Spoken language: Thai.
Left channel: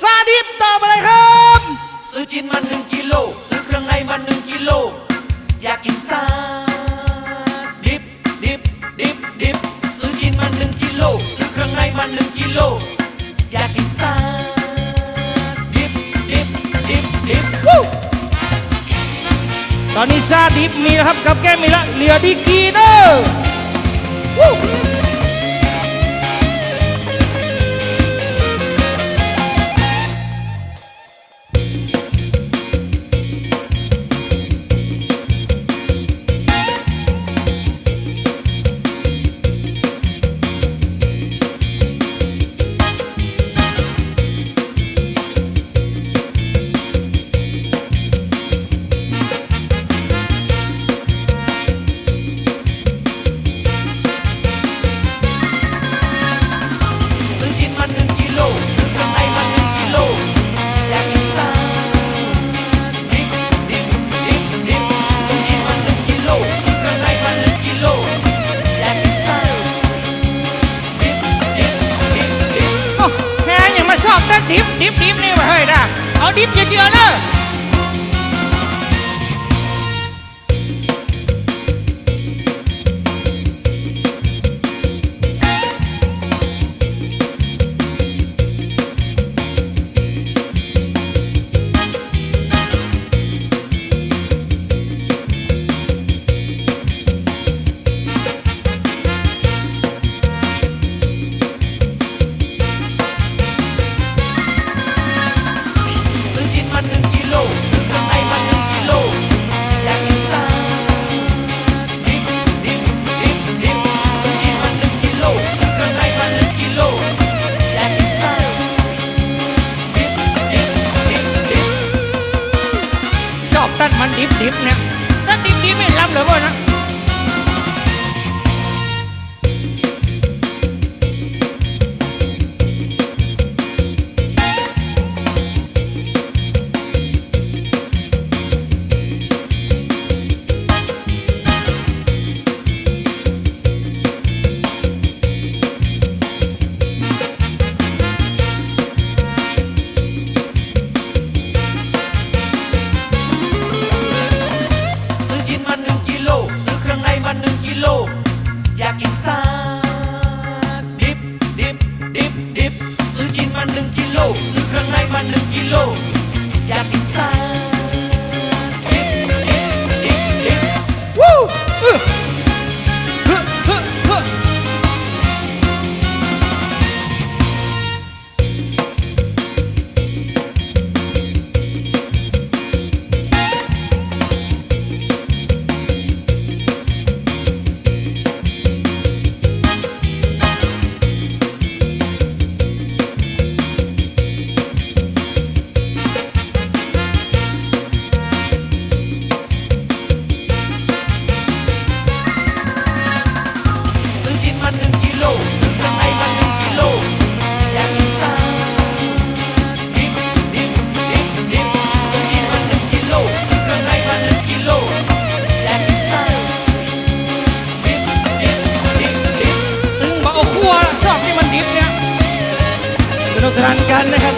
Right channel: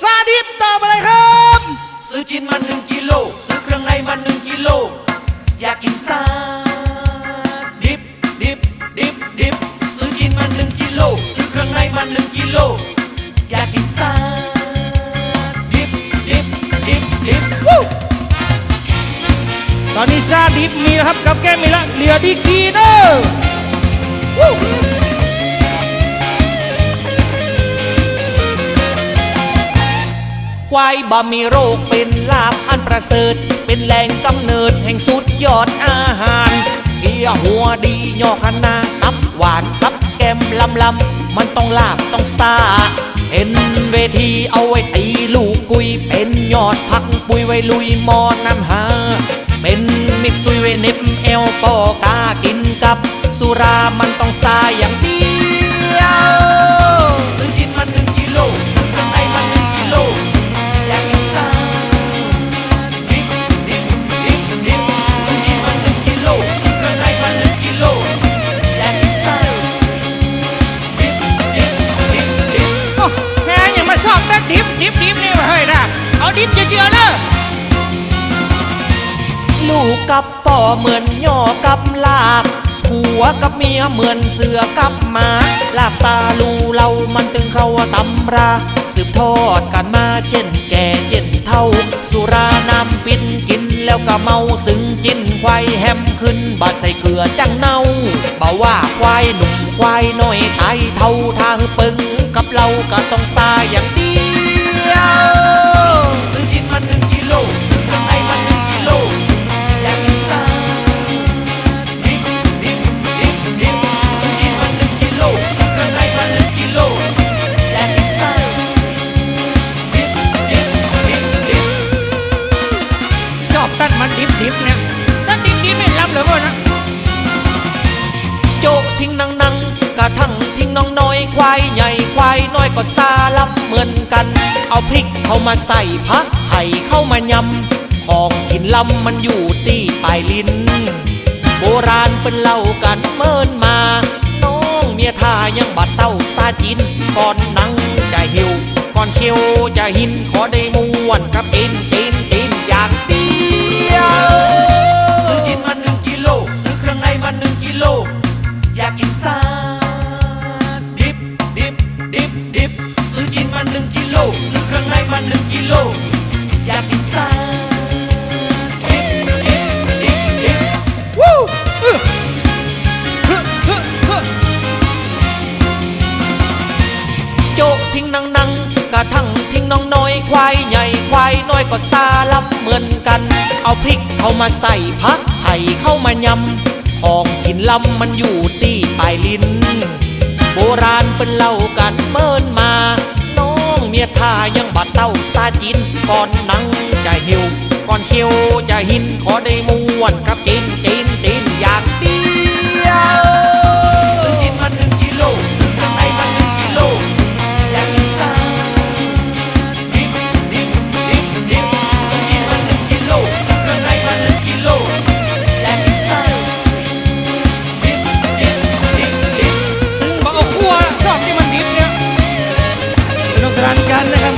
ซาดิสตอบอะไรครับ ซื้อชิ้นมา1 กิโลซื้อเครื่องในมา1 กิโลอยากกินซาดิบซื้อชิ้นมา1 กิโลซื้อเครื่องในมา1 กิโลอยากกินซาดิบตอนนี้ซาดิบมีแล้วครับกับแก้มมีแล้วเหลือดีกีเนอร์ควายบะมีโรคเป็นลาบอันประเสริฐเป็นแหล่งกำเนิดแห่งสุดยอดอาหารเกี๊ยวหัวดียอคณะน้ำหวานกับแก้มลำมันต้องลาบต้องซาเป็นเวทีเอาไว้ตีลูกกุยเป็นยอดพักปุยไว้ลุยมอน้ำหาเป็นมิกซุยไว้เน็บเอลปอกากินกับสุรามันต้องซาอย่างเดียวซื้อชิ้นมา1 กิโลซื้อเครื่องในมา1 กิโลอยากกินซาดิบซื้อชิ้นมา1 กิโลซื้อเครื่องในมา1 กิโลอยากกินซาดิบโอ้แฮยังมาชอบแต่ดิบนี่มาเฮ้ยนะเอาดิบเจือๆเนอะลูกกับป่อเหมือนย่อกับลาบผัวกับเมียเหมือนเสือกับหมาลาบซาลูเรามันตึงเข้าตำราสืบทอดกันมาเจนแก่เจนเท่าสุราน้ำปิ้นกินแล้วก็เมาซึ้งจิ้นควายแฮมขึ้นบาดใส่เกลือจังเน่าบ่าว่าควายหนุ่มควายน้อยไทยเท่าทางปึงกับเราก็ต้องซาอย่างเดียวซื้อชิ้นมา1 กิโลซื้อเครื่องในมา1 กิโลอยากกินซาดิบซื้อชิ้นมา1 กิโลซื้อเครื่องในมา1 กิโลอยากกินซาดิบชอบตั้นมันดิบเนี่ยตั้นดิบไม่ล้ำเลยพ่อนะโจทิ้งนังกระทั่งทิ้งน้องน้อยควายใหญ่ควายน้อยก็ซาล้ำเหมือนกันเอาพริกเข้ามาใส่ผักไห่เข้ามายำของกินลำมันอยู่ที่ปลายลิ้นโบราณเป็นเล่ากันเมินมาน้องเมียท่ายังบัดเต้าซาจินก่อนนั่งจะหิวก่อนเคียวจะหินขอได้ม่วนกับกินอย่างเดียวซื้อชิ้นมา1 กิโลซื้อเครื่องในมา1 กิโลอยากกินซาดิบซื้อชิ้นมา1 กิโลซื้อเครื่องในมา1 กิโลอยากกินซาวู้โจกทิ้งนังกระทั่งทิ้งน้องน้อยควายใหญ่ควายน้อยก็ซาล้ำเหมือนกันเอาพริกเข้ามาใส่ผักไห่เข้ามายำของกินลำมันอยู่ที่ปลายลิ้นโบราณเป็นเล่ากันเมินมาน้องเมียท่ายังบัดเต้าซาจินก่อนนั่งจะหิวก่อนเคียวจะหินขอได้ม่วนกับกินอย่างเดียวซื้อชิ้นมา1 กิโลซื้อเครื่องในมา1 กิโลอยากกินซาดิบซื้อชิ้นมา1 กิโลซื้อเครื่องในมา1 กิโลอยากกินซาถึงบอกเอาคั่วชอบที่มันดิบเนี่ยสนุกสนานกันนะครับ